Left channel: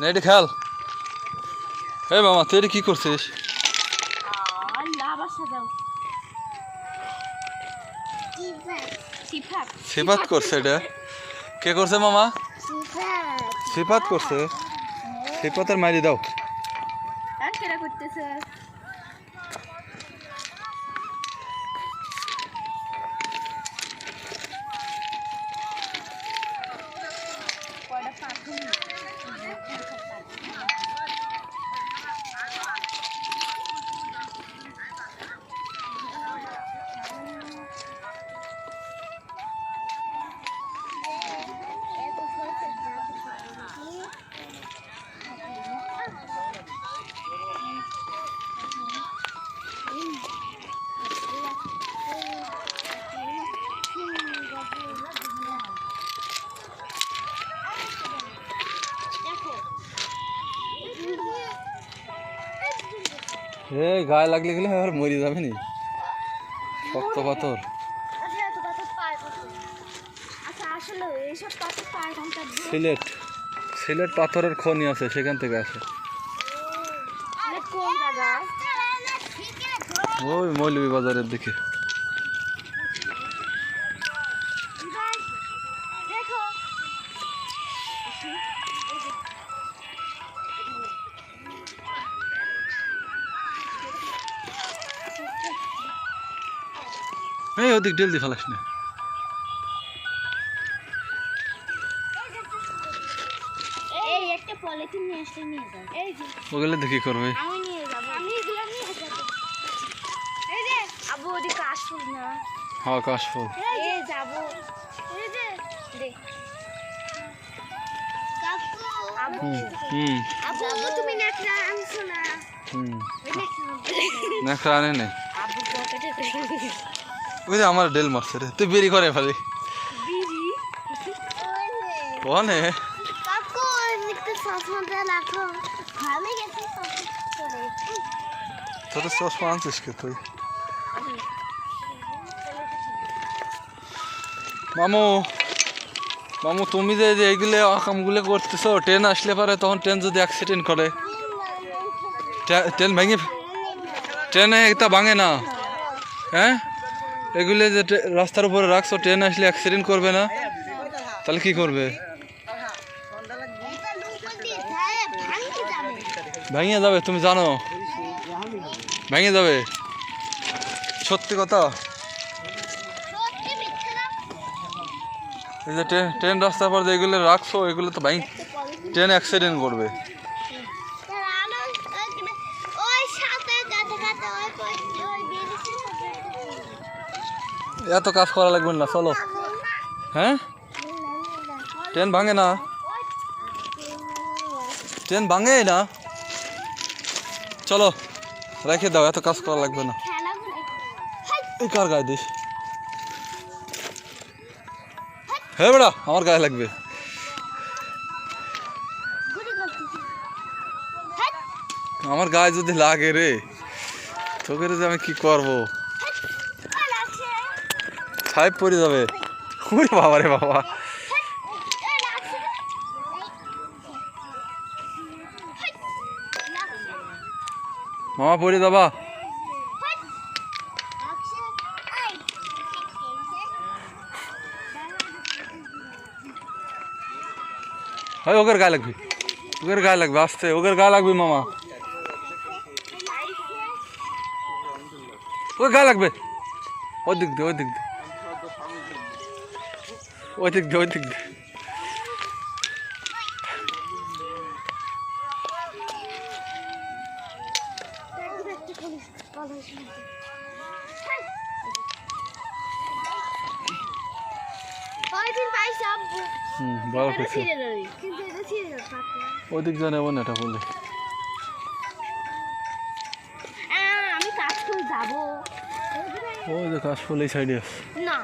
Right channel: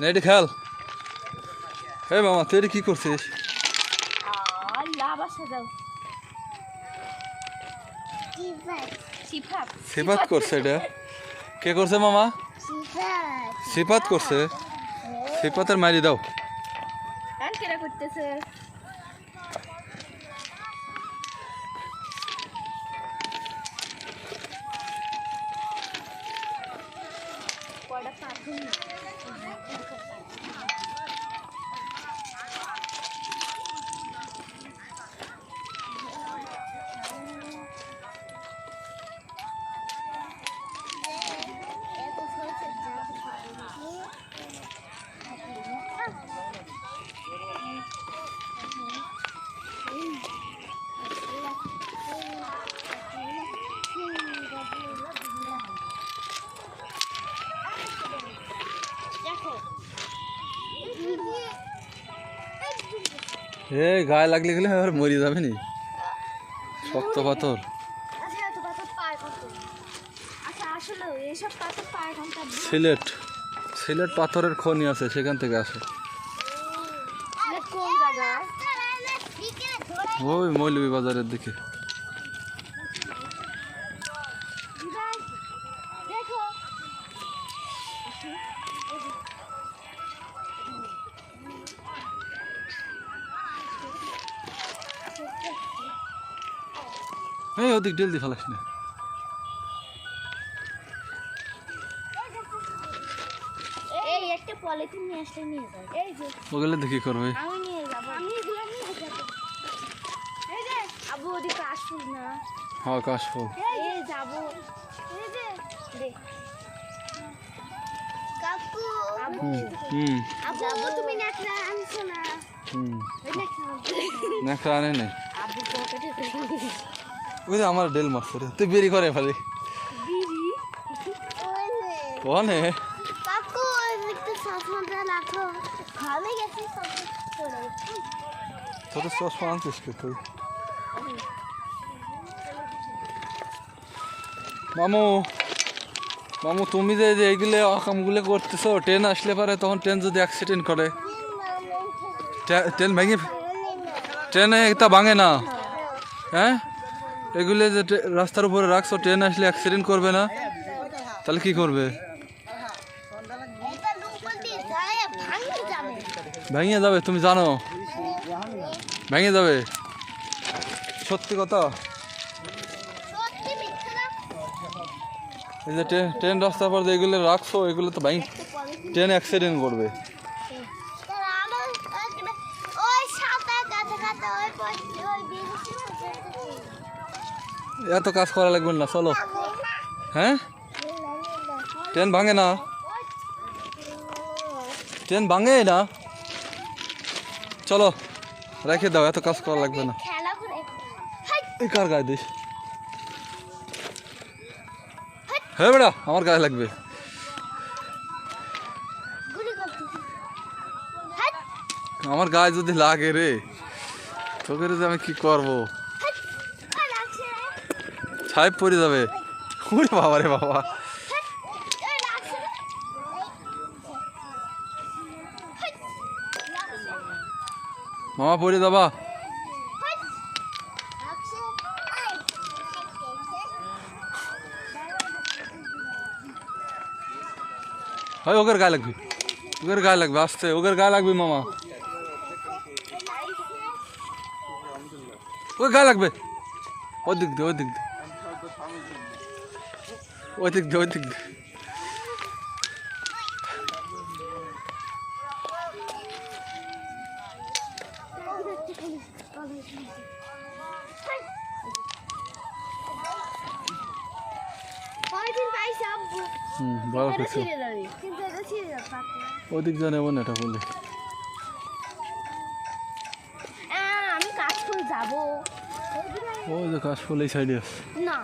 না এটি খেয়াল হে মামা তুই এটা কি করছিস? সিফাত। করছে এটা। কে করছে মামা? সিফাত। করছে। সিফাতের মারি দাও। করতেছে? এ গায়ে লাগলে গেলে আর মরে যাবে নি। শক্ত পাথর। আচ্ছা আচ্ছা সিলেট। সিলেট পাথরের খনি আছে সেখান থেকে আসে। ওই মৌলভী বাজারের দিকে। দেখো। এই ওদিক ডেল দি ফেলাস না। ওগুলো দেখি করবে? আমি নিয়ে যাব। আমি এগুলো নিয়ে যাব। এই যে আবু ওদিকে আসুন না। হ্যাঁ কাশফুল এই যাব। এই যে আবু। হুম তুমি নেকড়া আনে নাই। ওই আমার ডেল মারছে রে তুই বেরি করে ফেলি। কনে? তোর চশমা আনছিস কে তুই? মামু মামু তুমি যে যে এইগুলো কামগুলো করতেছো ট্রেন আসলে পারে তখন ট্রেন যদি অ্যাক্সিডেন্ট করে ট্রেন ভেঙে ট্রেনে একটা ভাঙে না হ্যাঁ? এগুলো যে রাস্তার উপরে রাখছো, ট্রেন আসলে অ্যাক্সিডেন্ট করবে না। তাহলে কি করবে? ভেঙে যাবে, তুমি জানো। ভেঙে যাবে। সত্যি কথা? এই যে ট্রেন রাস্তার পর যেগুলো রাখছো, এগুলো তো ভাই ট্রেন অ্যাক্সিডেন্ট করবে। এত কাজ করা লাগবে না, চলো। হ্যাঁ? ট্রেন ভাঙে না? ট্রেন ভাঙে না? চলো, রেখে দাও, এত কাজ করা লাগবে না। এই কার গায়ে দিস? হ্যাঁ বেড়া, আমার গায়ে লাগবে। আমার গায়ে যদি লাগে রে, তোকে যে আমি কি করব? ছাই পড়ে যাবে ওরে বাবা রে বাবা মামা পড়ে যাবা হয় ওদের গায়ে লাগবে ওদের গায়ে লাগবে আসতে ওদের গায়ে লাগবে মামা ওই গায়ে লাগবে ওই দিক দে ওই দিক দে ওই দিক দে ওই দিক হুম ভালো করছে ছিঁড়ে নেবে কিন্তু এটা ছিঁড়ে যাবে পাকলে ওই দিক দিয়ে নেব না এটা বলে আমি কাশফুল যাব। ওই যে কাশফুল এই সাইডে আছে। না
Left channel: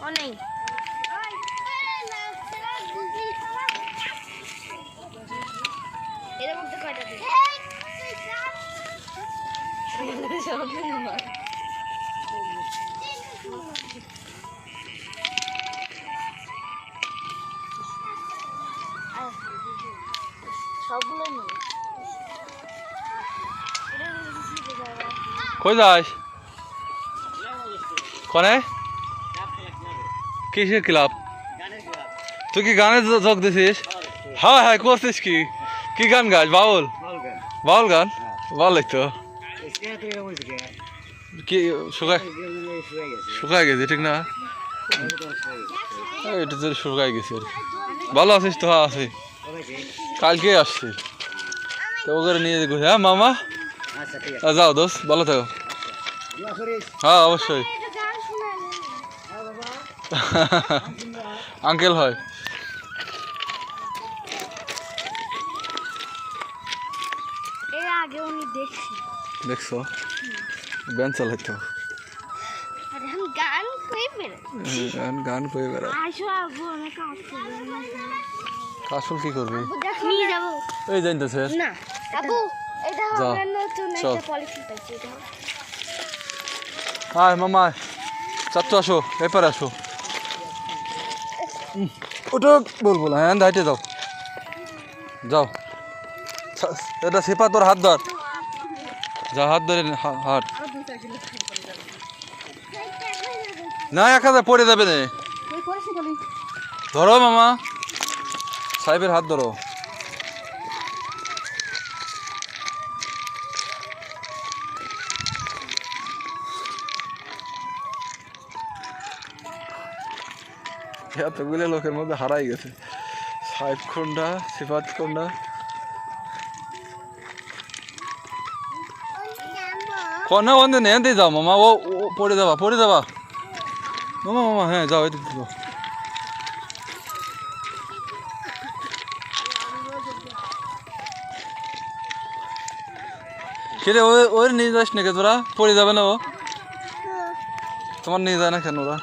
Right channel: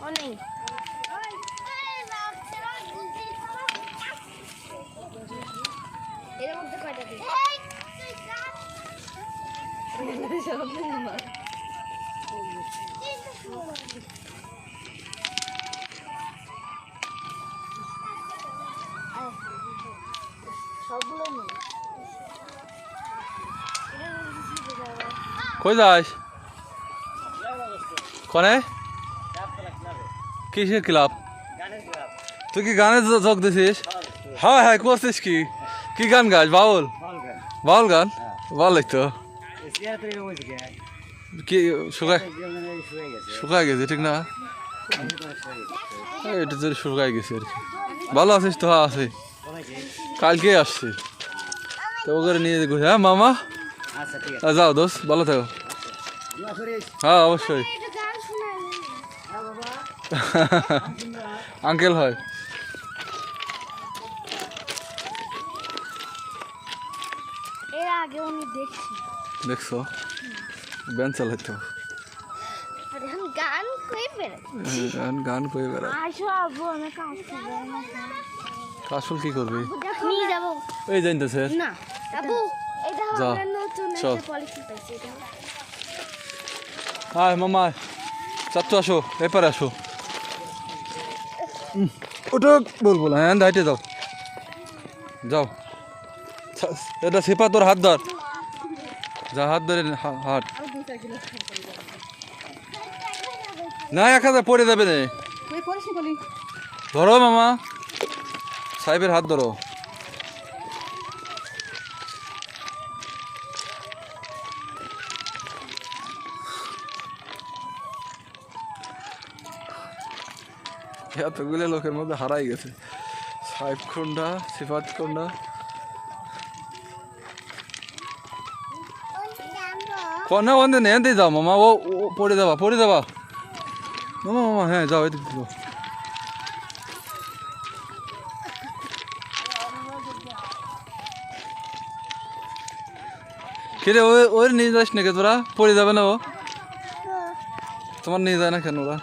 ও কই যাস? কনে? কিসের ক্লাব? তুই কি গানের যোগ দিছিস? হ্যাঁ হ্যাঁ করছিস কি? কি গান গাছ বাউল? বাউল গান। বল হ্যাঁ। তো কি, শুকায়? শুকায় গেছে, ঠিক না? এটা তো শুকায় গেছে আর কি। ভালো আছিস তো? হ্যাঁ আছি। কালকে আসছি। তো ওকে নিয়ে দেখো হ্যাঁ মামা? আচ্ছা যাও দোস্ত, ভালো থাকো। হ্যাঁ অবশ্যই। হ্যাঁ আঙ্কেল হয়। আগে উনি দেখছি দেখছ? ব্যান চালাইতো আর গান কই গান গান করে বেড়া আসো আবু কাসল কি করবি? দেখো নিয়ে যাব। এই জানতেছে না আবু এটা যাও। আমরা নতুন একটা পলিসি পাইছি এটা আয় মামা। চাচ্ছু আসো এপারে আসো। ওটা বলব না হ্যাঁ হাইটে যাও। যাও। এটা সেপা তোর হাত ধর। যা হাত ধরে নে, হা- হাট না এক হাজার পড়ে যাবে না। ধরো মামা। সাহেবের হাত ধরো। এতগুলো লোকের মধ্যে হারাই গেছে। সাহেব কোনটা সিফাত কোনটা? কনে ওন্দে নে এনতেই যাও মামা ও পড়ে যাবা পড়ে যাবা মামা মামা হ্যাঁ যাও এদিক যাও কিরে ওই ওর নিয়ে যাস নাকি তোরা পড়ে যাবে না ও তোমার নিয়ে যায় না কেন ওরা